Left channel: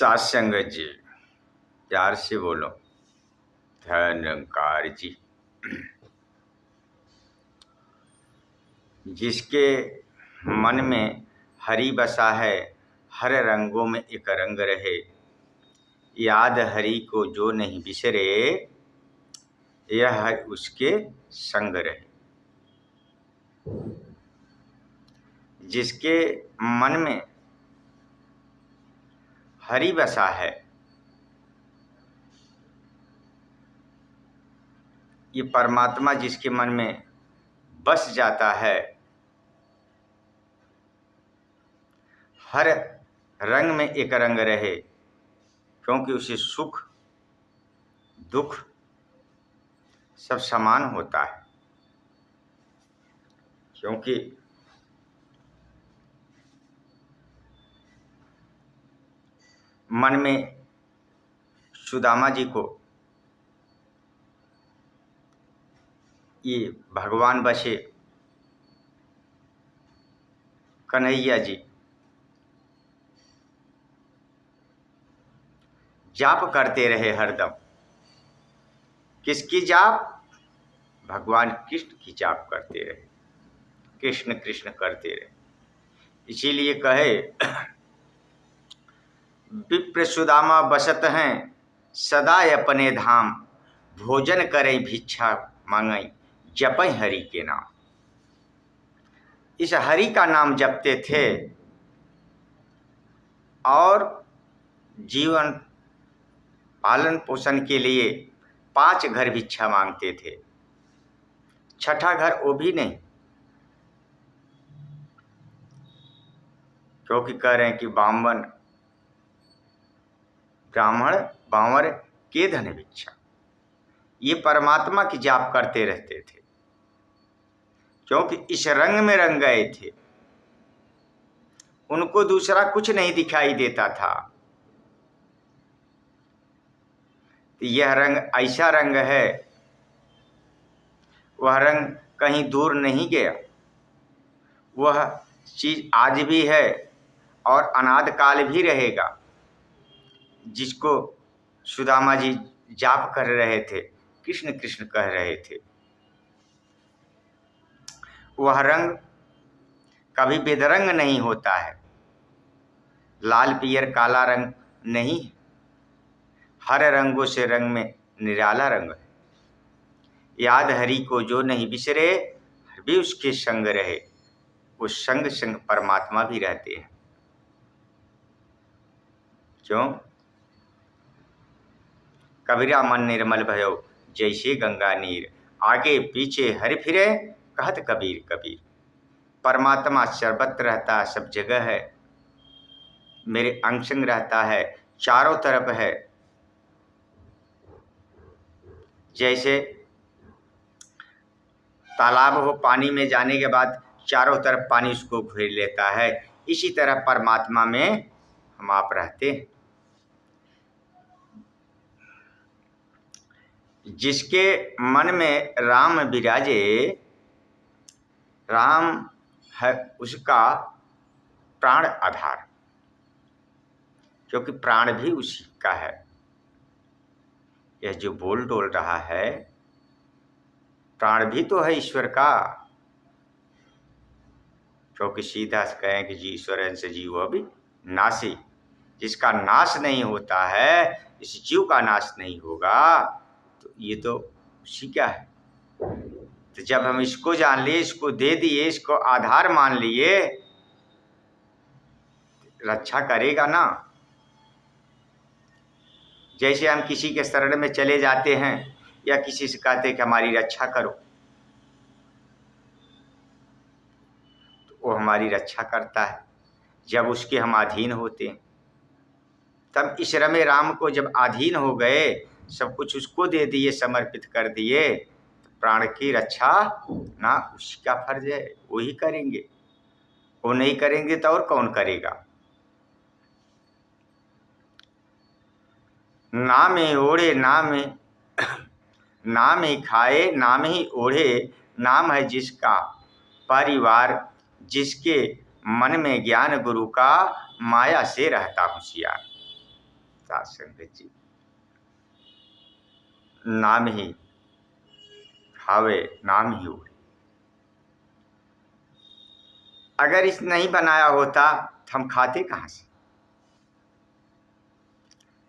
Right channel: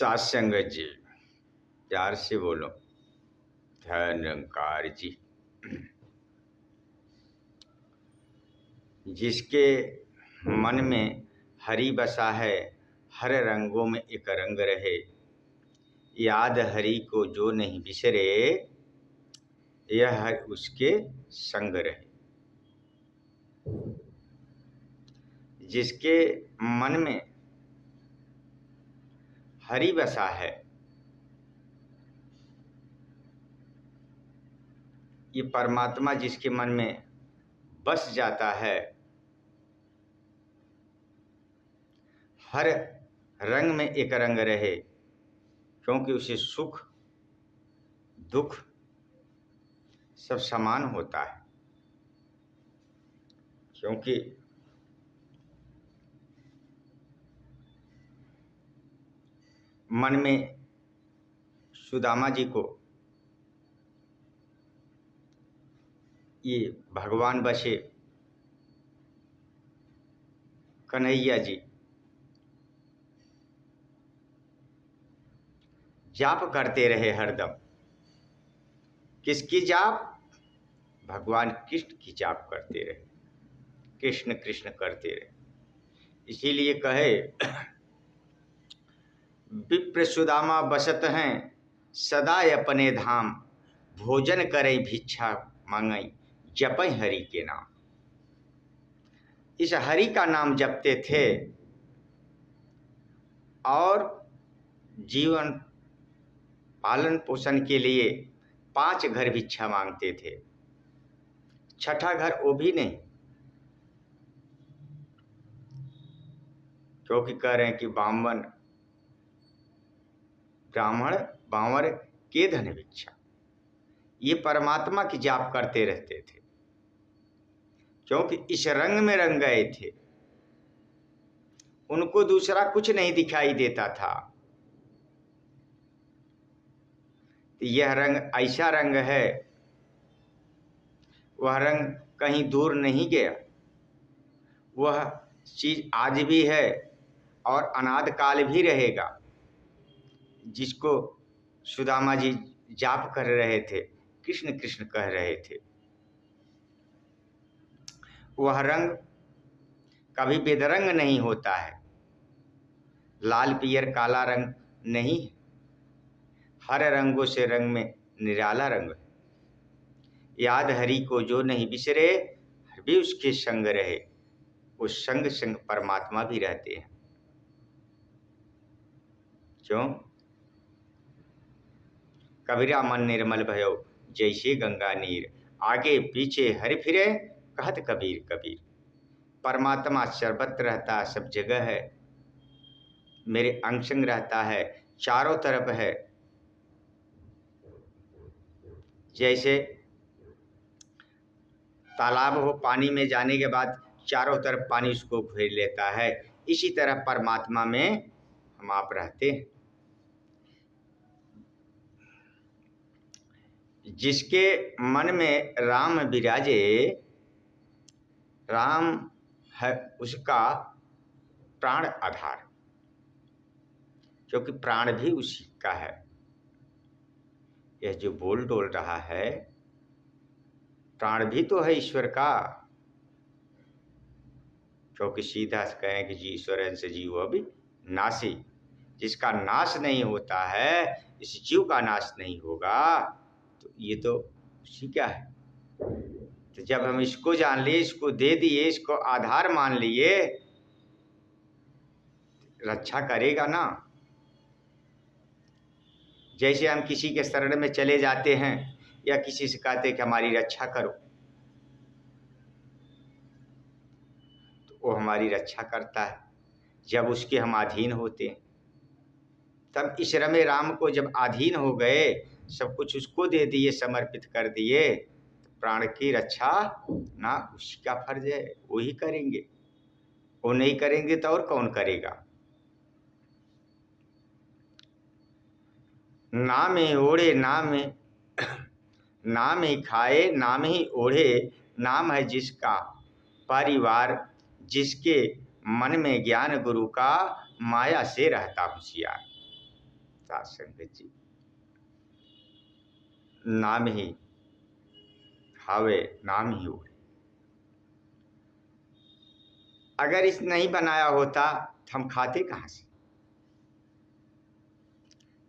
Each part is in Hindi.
सासंग जी, प्यार से बोलो। धनकार जी। जिसके मन में हरि बसा है, हर रंगों में एक रंग रहे। याद हरि को जो नहीं बिसरे, यह उसके संग रहे। जिसके मन में हरि बसा है, ये परमात्मा जिसके मन में बस जाता है, हर रंग में एक रंग रहे, क्योंकि उसे सुख दुख सब समान होता है। क्योंकि मन में सुदामा जी को ये भगवान बसे, कन्हैया जी जाप करते रहे हरदम। किसकी जाप? भगवान कृष्ण की जाप करते रहे, कृष्ण कृष्ण करते रहे। इसीलिए कहे विप्र सुदामा बसत हैं सदा अपने धाम, भोजन करें भिक्षा मांगई जपै हरि के नाम। इस हरि का नाम जपते थे और जीवन पालन पोषण के लिए 5 घर भिक्षा मांगते थे। छठा घर वो भी नहीं, क्योंकि कह रहे हैं कि ब्राह्मण बांवर के धन भिक्षा। ये परमात्मा की जाप करते रहते थे, क्योंकि इस रंग में रंग गए थे। उनको दूसरा कुछ नहीं दिखाई देता था। तो यह रंग ऐसा रंग है, वह रंग कहीं दूर नहीं गया। वह चीज आज भी है और अनाद काल भी रहेगा। जिसको सुदामा जी जाप कर रहे थे, कृष्ण कृष्ण कह रहे थे, वह रंग कभी बेदरंग नहीं होता है। लाल पियर काला रंग नहीं, हर रंगों से रंग में निराला रंग है। याद हरि को जो नहीं बिसरे, भी उसके संग रहे। उस संग संग परमात्मा भी रहते हैं। क्यों? कबीरा मन निर्मल भयो जैसे गंगा नीर, आगे पीछे हरि फिरे कहत कबीर कबीर। परमात्मा सर्वत्र रहता है, सब जगह है, मेरे अंग संग रहता है, चारों तरफ है। जैसे तालाब हो, पानी में जाने के बाद चारों तरफ पानी उसको घेर लेता है, इसी तरह परमात्मा में हम आप रहते हैं। जिसके मन में राम विराजे, राम है उसका प्राण आधार, क्योंकि प्राण भी उसी का है। यह जो बोल डोल रहा है, प्राण भी तो है ईश्वर का। क्योंकि सीधा कहें कि जी ईश्वर से जीव अभी नासी, जिसका नाश नहीं होता है, इस जीव का नाश नहीं होगा, तो ये तो उसी का है। तो जब हम इसको जान लिए, इसको दे दिए, इसको आधार मान लिए, रक्षा करेगा ना। जैसे हम किसी के शरण में चले जाते हैं या किसी से कहते हैं कि हमारी रक्षा करो, तो वो हमारी रक्षा करता है जब उसके हम अधीन होते हैं। तब इस रमे राम को जब अधीन हो गए, सब कुछ उसको दे दिए, समर्पित कर दिए, तो प्राण की रक्षा ना उसका फर्ज है, वो ही करेंगे। वो नहीं करेंगे तो और कौन करेगा? नाम ही ओढ़े नाम ही खाए, नाम ही ओढ़े, नाम है जिसका परिवार, जिसके मन में ज्ञान गुरु का, माया से रहता होशियार। साथ संगत जी, नाम ही खावे नाम ही उड़े। अगर इस नहीं बनाया होता तो हम खाते कहाँ से?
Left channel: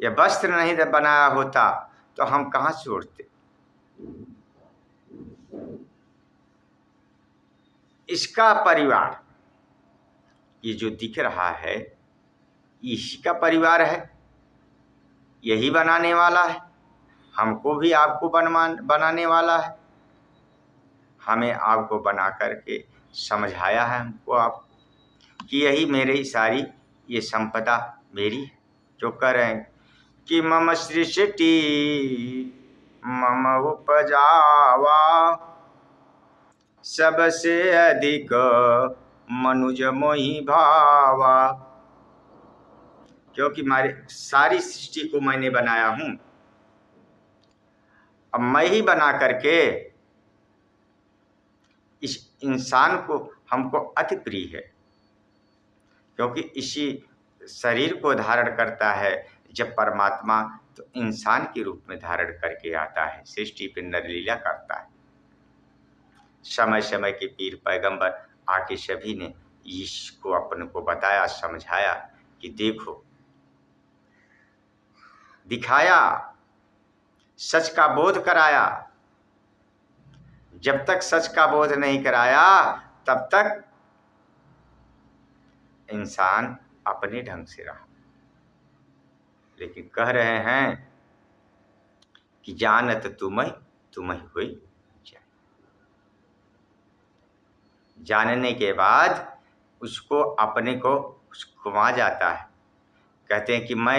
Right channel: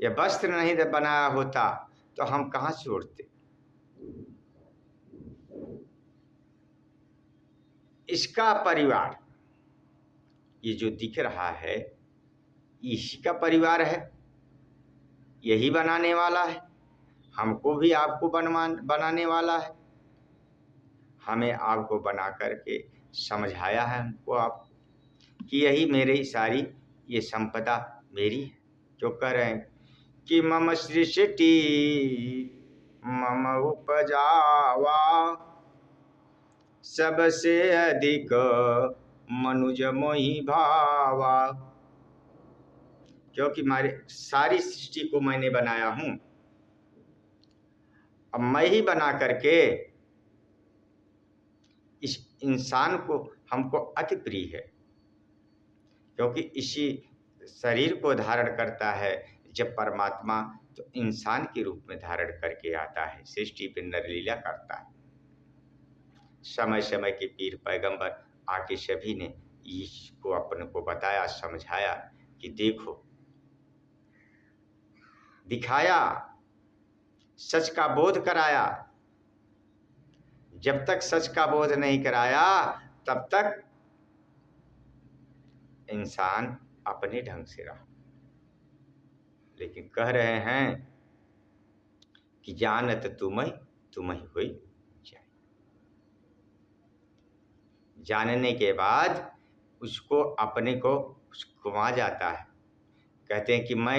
या वस्त्र नहीं बनाया होता तो हम कहाँ से उड़ते? इसका परिवार ये जो दिख रहा है इसी का परिवार है, यही बनाने वाला है, हमको भी आपको बनाने वाला है। हमें आपको बना करके समझाया है हमको आप कि यही मेरी सारी ये संपदा मेरी है। जो कह रहे हैं कि मम सृष्टि मम उपजावा सबसे अधिक मनुज मोहि भावा। क्योंकि हमारी सारी सृष्टि को मैंने बनाया हूं, अब मैं ही बना करके इस इंसान को हमको अति प्रिय है, क्योंकि इसी शरीर को धारण करता है जब परमात्मा तो इंसान के रूप में धारण करके आता है, सृष्टि पे नर लीला करता है। समय समय के पीर पैगंबर आके सभी ने इसको अपन को बताया, समझाया कि देखो, दिखाया, सच का बोध कराया। जब तक सच का बोध नहीं कराया तब तक इंसान अपने ढंग से रहा। लेकिन कह रहे हैं कि जानत तुम्हें हुई जाए। जानने के बाद उसको अपने को घुमा जाता है। कहते हैं कि मैं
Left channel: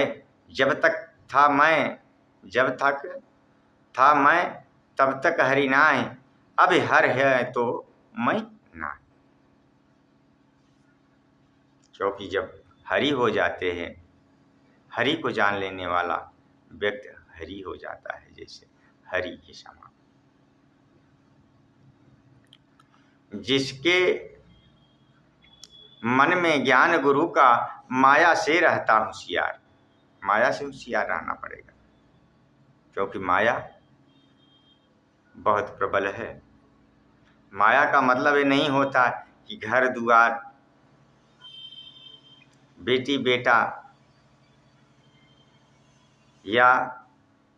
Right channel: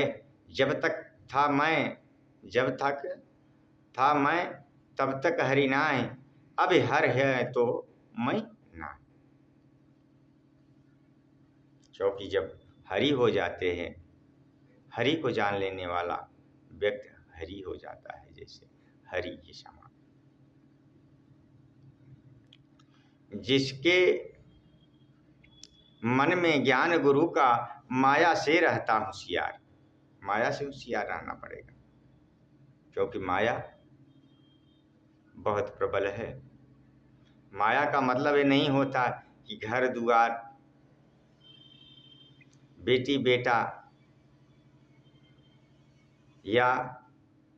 जब तक था मैं, जब तक था मैं तब तक हरि नाय, अब हर है तो मैं ना। क्योंकि जब हरि हो जाते हैं, हरि को जान लेने वाला व्यक्ति हरि हो जाता है, जैसे हरि के समान। जिसके मन में ज्ञान गुरु का माया से रहता होशियार, माया से होशियार रहना पड़ेगा, क्योंकि माया बहुत प्रबल है। माया का मतलब ये नहीं होता कि घर दुआर, बेटी बेटा या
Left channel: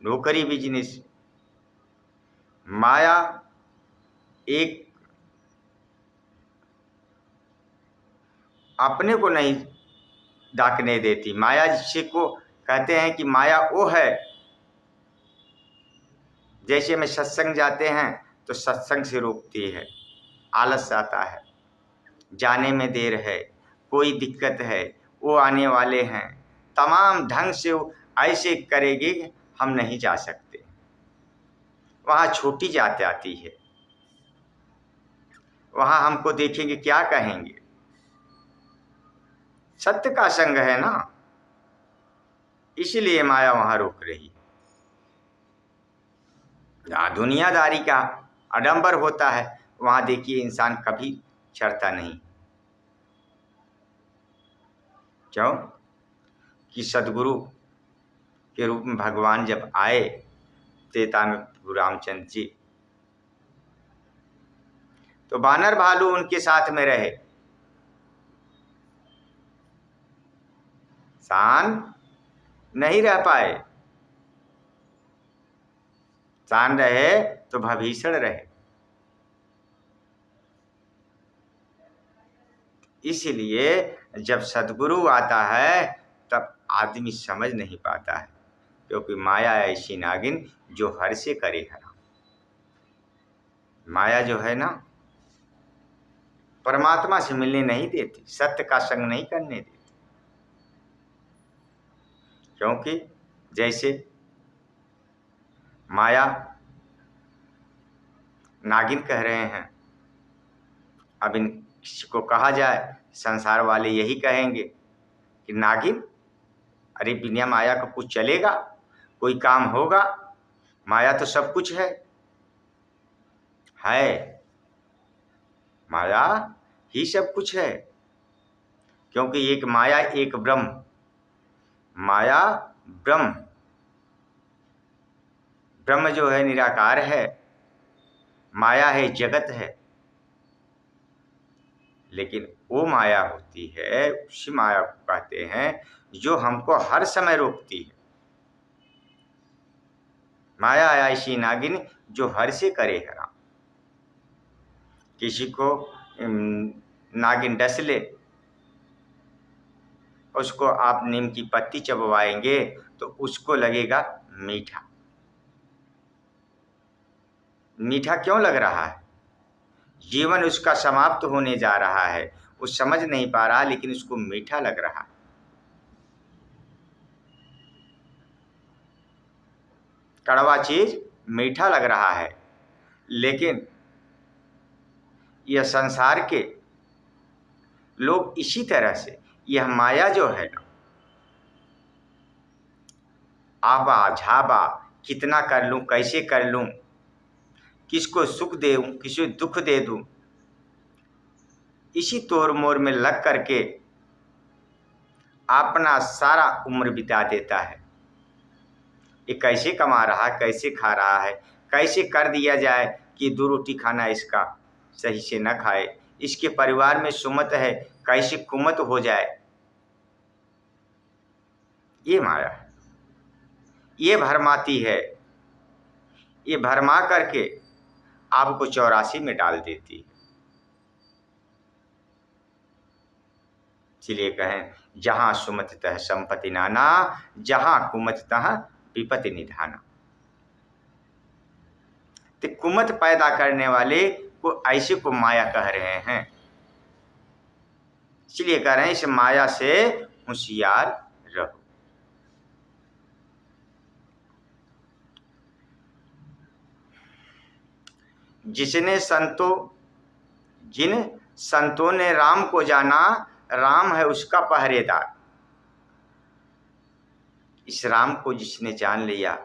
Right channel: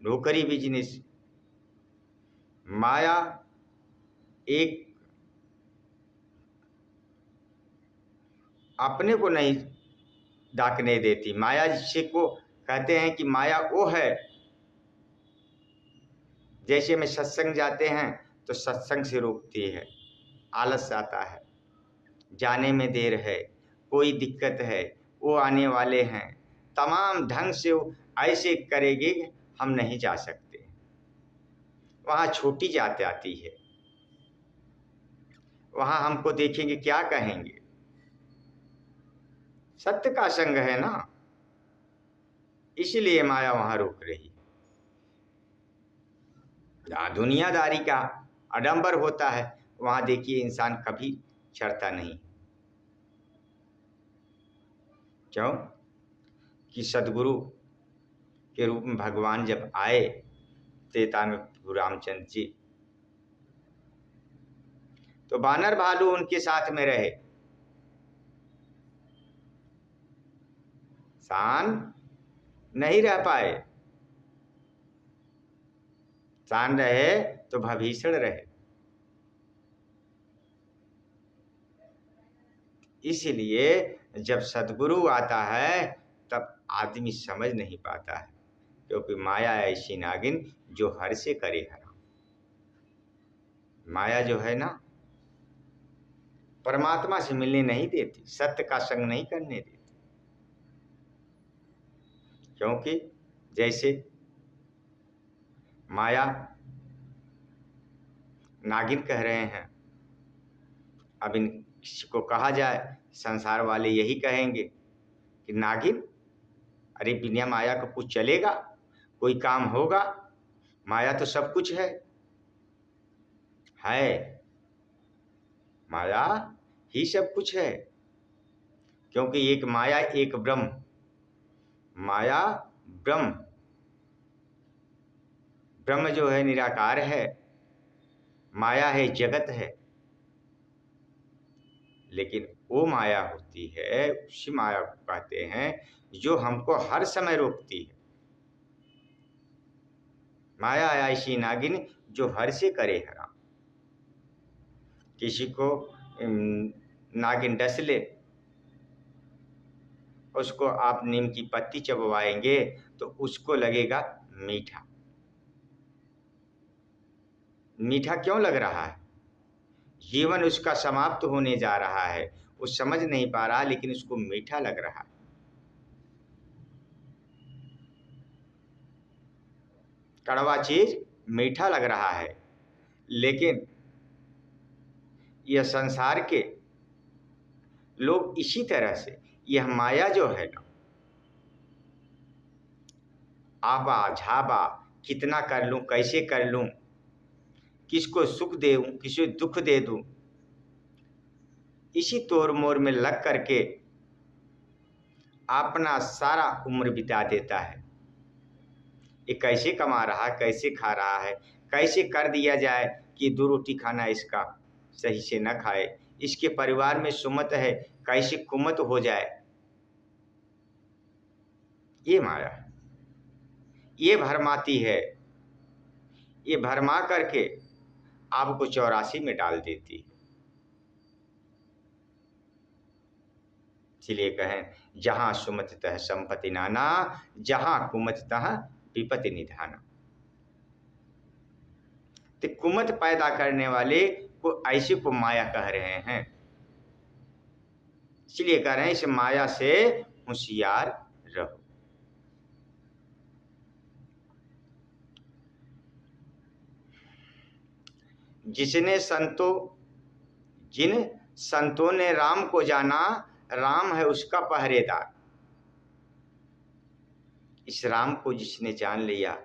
नौकरी बिजनेस। माया एक अपने को नहीं डाकने देती। माया जिसे को कहते हैं कि माया वो है, जैसे में सत्संग जाते हैं तो सत्संग से रोकती है, आलस आता है, जाने में देर है, कोई दिक्कत है, वो आने वाले हैं, तमाम ढंग से वो ऐसे करेगी हम नहीं जा सकते। वहाँ छोटी जात आती है, वहाँ हमको देखेंगे क्या कहेंगे। सत्य का संग है ना, इसलिए माया वहाँ रोक रही है। जहाँ दुनियादारी का आडंबर होता है वहाँ देखिए इंसान कभी चढ़ता नहीं। क्यों? कि सदगुरु के रूप में भगवान जब आए त्रेता में रामचंद्र जी, तो बानर भालू उनके साथ में रहे, शान नहीं रह पाए। शान रहे तो भभीषण रहे। इसलिए जब सदगुरु आता है तब आदमी समझ नहीं पाता है, क्योंकि माया ऐसी नागिन जो हर से करे हराम। माया जो है ना परमात्मा से मिलने नहीं देती, सत्य का संग नहीं करने देती। क्योंकि जैसे माया नागिन कह रहे हैं, अब इनको कहा जाए संसार वाले यही कहेंगे कि नागिन, अरे बिना माया का कुछ चलेगा, कोई काम होगा? माया तो सब कुछ है। माया ही सब कुछ है, क्योंकि एक माया एक ब्रह्म। माया ब्रह्म ब्रह्म जो है निराकार है, माया है, जगत है, लेकिन वो माया होती है, उसी माया को कहते हैं जो हमको हर समय रोकती है। माया ऐसी नागिन जो हर से करे हराम। किसी को नागिन डस ले, उसको आप नीम की पत्ती चबवाएंगे तो उसको लगेगा मीठा। मीठा क्यों लग रहा है? जीवन उसका समाप्त होने जा रहा है, वो समझ नहीं पा रहा, लेकिन उसको मीठा लग रहा है। कड़वा चीज मीठा लग रहा है, लेकिन यह संसार के लोग इसी तरह से, यह माया जो है ना, आबा झाबा, कितना कर लूं, कैसे कर लूं, किसको सुख दे दूं, किसी दुख दे दूं, इसी तोड़ मोड़ में लग करके अपना सारा उम्र बिता देता है। ये कैसे कमा रहा है, कैसे खा रहा है, कैसे कर दिया जाए कि 2 रोटी खाना इसका सही से न खाए, इसके परिवार में सुमत है, कैसे कुमत हो जाए। ये माया है, ये भरमाती है, ये भरमा करके आपको 84 में डाल देती है। इसलिए कहें, जहां सुमत तह संपत्ति नाना, जहां कुमत तह विपत्ति निधाना। तो कुमत पैदा करने वाले को ऐसे को माया कह रहे हैं। इसलिए कह रहे हैं, इस माया से होशियार रहो। जिन संतों ने राम को जाना, राम है उसका पहरेदार। इस राम को जिसने जान लिया,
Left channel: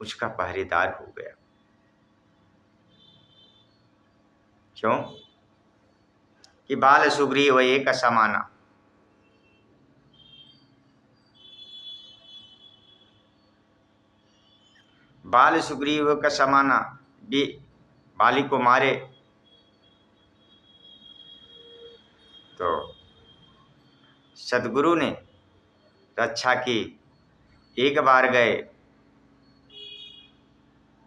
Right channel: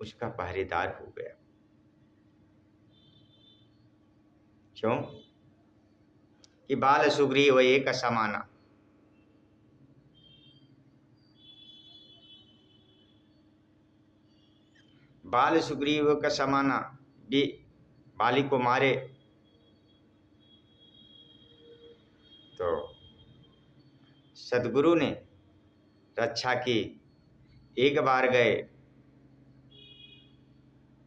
उसका पहरेदार हो गया। क्यों? कि बाल सुग्रीव एक समाना। बाल सुग्रीव का समाना, बाली को मारे तो सदगुरु ने रक्षा की। एक बार गए,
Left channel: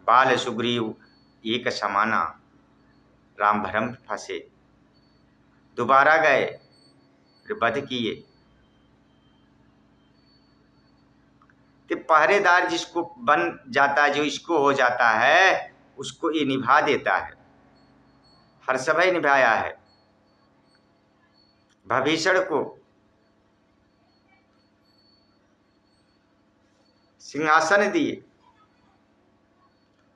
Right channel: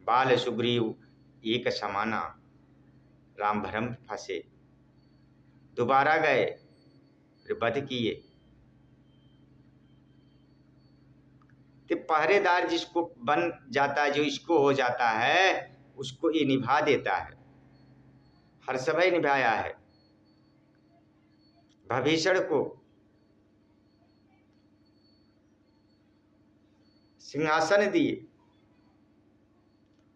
बाल सुग्रीव एक समाना, राम भरम फंसे। दोबारा गए, फिर वध किए। तो पहरेदार जिसको बन जाता है, जो इसको हो जाता है, उसको ये निभा देता है। हर समय निभाया है। भीषण को सिंहासन दिए,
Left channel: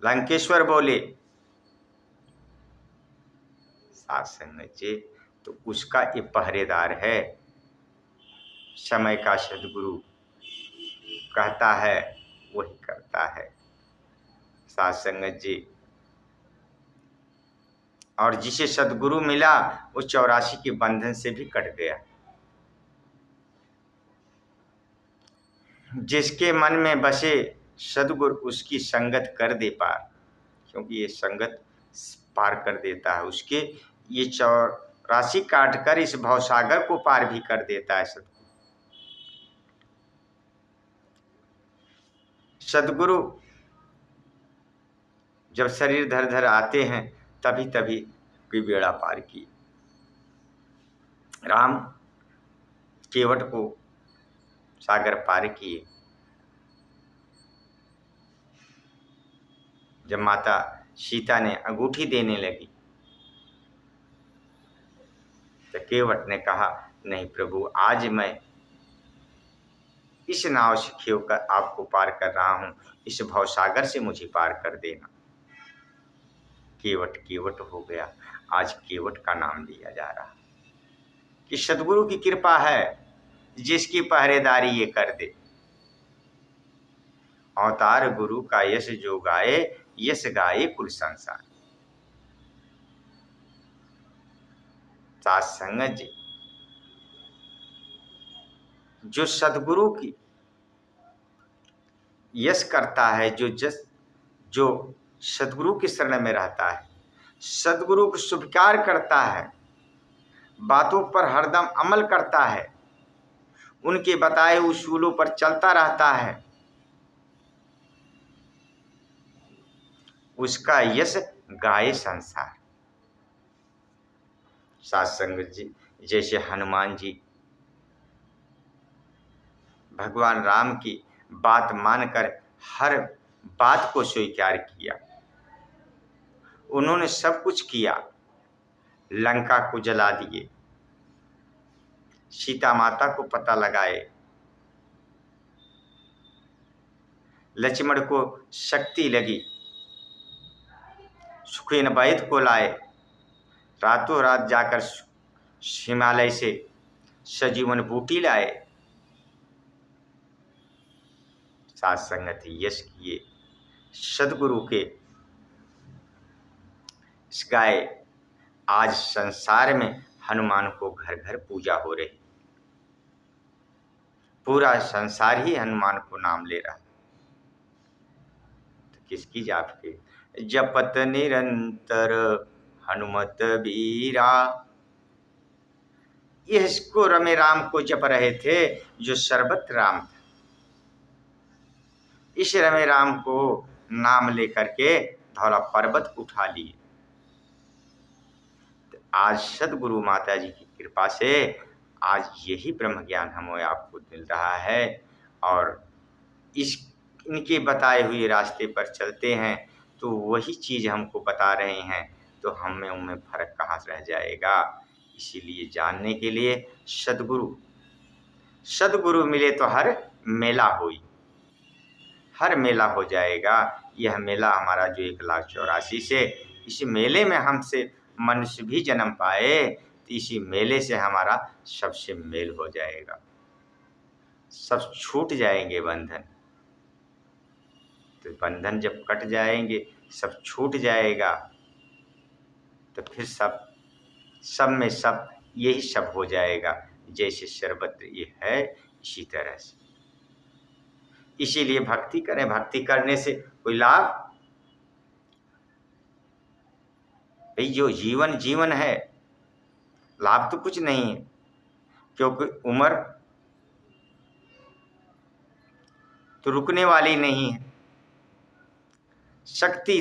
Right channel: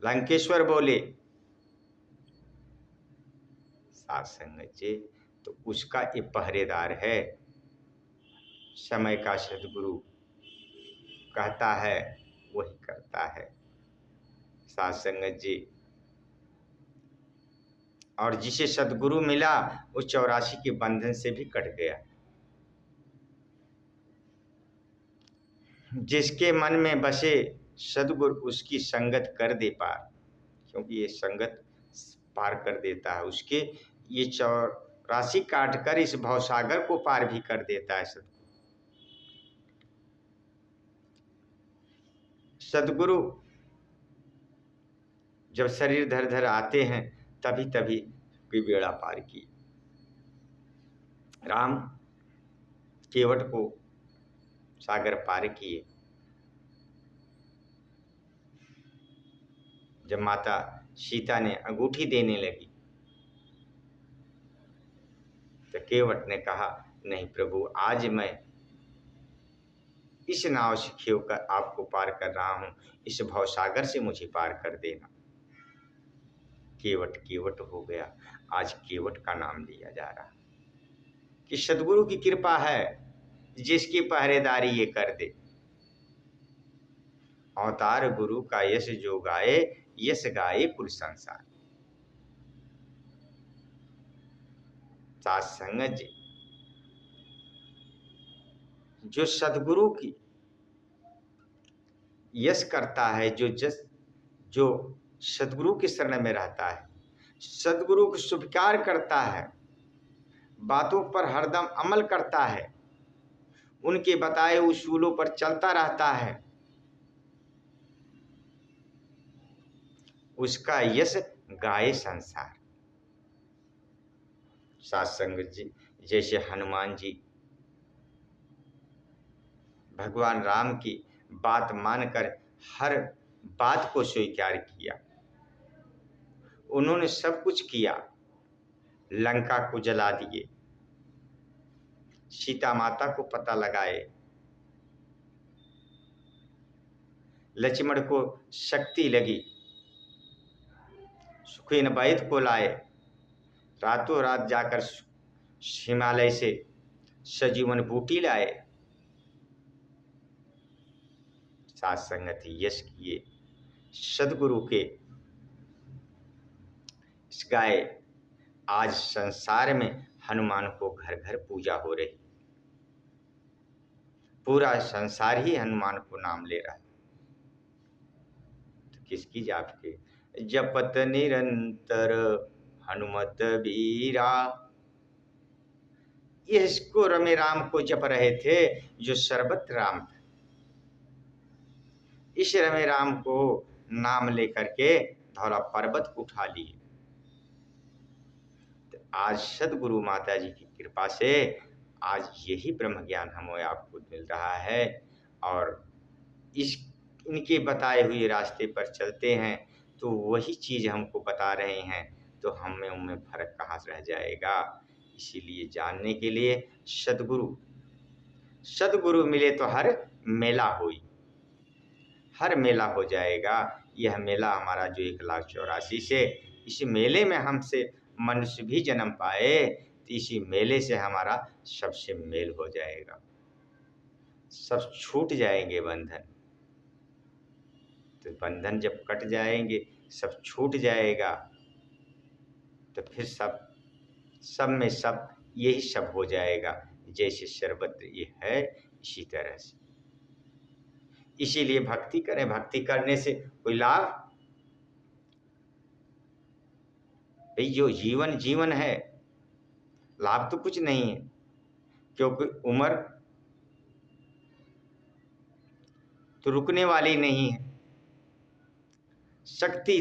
लंकेश्वर बोले साथ संगत जी, तो उसका ये पहरेदार है। समय का सदगुरु कहता है वही करता है, साथ संगत जी। और जिसे सदगुरु मिला, वो 84 के बंधन से भी कट गया। जिसके मन में बसे सदगुरु, उसकी संगत कर दे पार। क्योंकि ये संगत पार कर देता है उसके, ये 84 काट कर इस भवसागर को पार भी कर देता है सदगुरु। सदगुरु जब शरीर धर धर आते हैं, तभी तभी कोई बेड़ा पार किए। राम केवट को सागर पार किए। जब माता सीता ने अंगूठी देने लगी, तो केवट ने कहा, नहीं प्रभु, आज मैं इस नाव से खेव कर आपको पार कर रहा हूं, इस भवसागर से मुझे पार कर देना। केवट केवट हो गया। आज केवट का नाम लिया जा रहा है कि सदगुरु की कृपा है, जिसकी पहरेदारी ये कर दे। अवतार गुरु का यश जो गाए, यश गाए कुल संसार। साथ संगत जी, जो सदगुरु की यश करता है जो सदगुरु की शरण में रहता है, सदगुरु को स्वीकार करता है, बातों पर हरदम अमल करता है, उनके बताए उसूलों पर चलता रहता है, उसका यश गाए संसार। सात्संग जी जैसे हनुमान जी भगवान राम की बात मानकर हर बात को स्वीकार किया, उन्होंने सब कुछ किया, लंका को जला दिए, सीता माता को पता लगाए, लक्ष्मण को शक्ति लगी, सुखेन वैद को लाए, रातों रात जाकर हिमालय से सजीवन बूटी लाए, साथ संगति यश किए, सदगुरु के गाए। आज संसार में हनुमान को घर घर पूजा हो रही, पूरा संसार ही हनुमान को नाम ले रहा। तो किसकी जाप के जपत निरंतर हनुमत बीरा, इसको रमे राम को जप रहे थे जो सर्वत्र राम था। इस रमे राम को नाम लेकर के धौला पर्वत उठा लिए। तो आज सदगुरु माता जी की कृपा से आज यही ब्रह्म ज्ञान हमें आपको मिल रहा है, और इनके बताए हुए रास्ते पर चलते हैं तो वही चीज़ हमको बता रहे हैं, तो हमें उनमें फर्क कहाँ से रह जाएगा। इसीलिए जानने के लिए सदगुरु मिले तो हर मेला हुई, हर मेला हो जाएगा। यह मेला हमारा जो 1,84,000 से, इस मेले में हमसे मनुष्य भी जन्म पाए तो इसी मेले से हमारा सबसे मेल हो जाएगा, सब छूट जाएंगे बंधन। तो बंधन जब कट जाएंगे, सब छूट जाएगा, तो फिर सब में सब यही सब हो जाएगा, जैसे सर्वत्र ये है इसी तरह से। इसीलिए भक्ति करें, भक्ति करने से कोई लाभ, भाई जो जीवन है, लाभ तो कुछ नहीं है, क्योंकि उम्र तो रुकने वाली नहीं है, शक्ति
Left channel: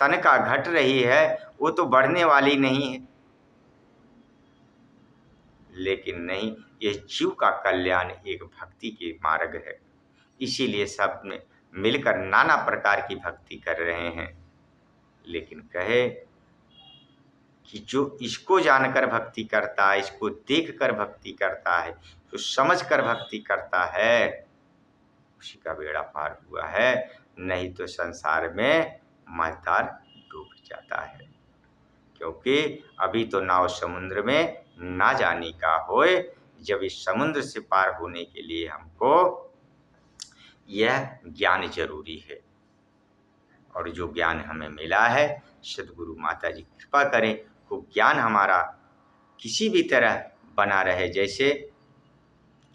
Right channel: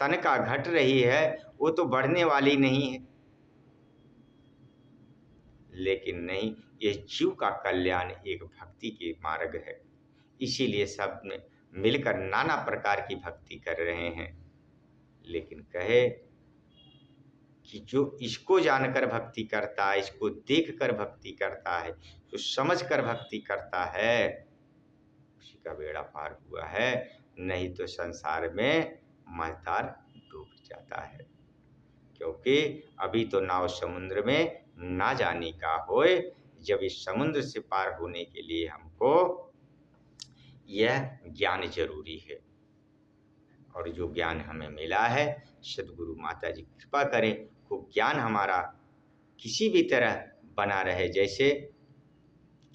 तन का घट रही है, वो तो बढ़ने वाली नहीं है। लेकिन नहीं, ये जीव का कल्याण एक भक्ति के मार्ग है। इसीलिए सब में मिलकर नाना प्रकार की भक्ति कर रहे हैं। लेकिन कहे कि जो इसको जानकर भक्ति करता है, इसको देखकर भक्ति करता है, जो समझकर भक्ति करता है, उसी का बेड़ा पार हुआ है। नहीं तो संसार में मझधार डूब जाता है, क्योंकि अभी तो नाव समुद्र में ना जाने का होए। जब इस समुद्र से पार होने के लिए हमको यह ज्ञान जरूरी है, और जो ज्ञान हमें मिला है, सदगुरु माता जी कृपा करें, वो ज्ञान हमारा किसी भी तरह बना रहे। जैसे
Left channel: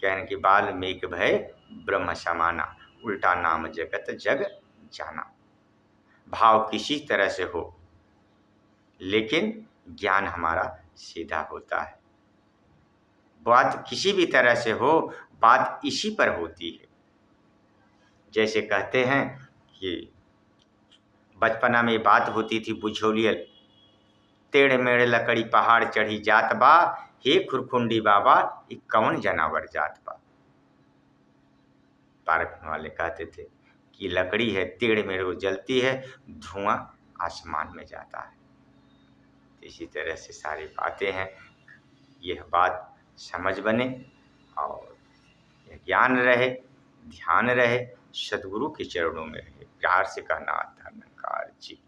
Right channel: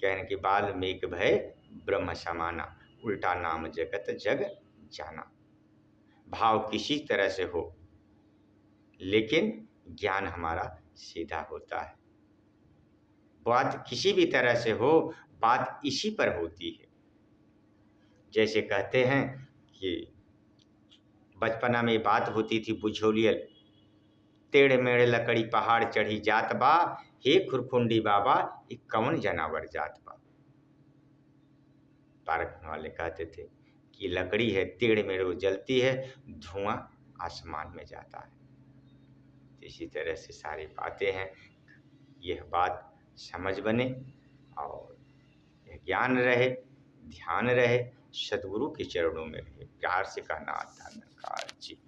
कहने के बाद मेघ भय ब्रह्म समाना, उल्टा नाम जगत जग जाना। भाव किसी तरह से हो, लेकिन ज्ञान हमारा सीधा होता है। बात किसी भी तरह से हो, बात इसी पर होती है। जैसे कहते हैं कि बचपना में बात होती थी बुझोलियल, टेढ़ मेढ़ लकड़ी पहाड़ चढ़ी जात बा, हे खुरखुंडी बाबा ये कौन जनावर जात बा। पार्क वाले कहते थे कि लकड़ी है, टेढ़ मेढ़ वो जलती है, धुआं आसमान में जाता है। इसी तरह से सारी बातें हैं। यह बात समझ बने और यह ज्ञान रहे, ध्यान रहे, सदगुरु के चरणों में रहे। प्यार से कहना धन्यवाद जी।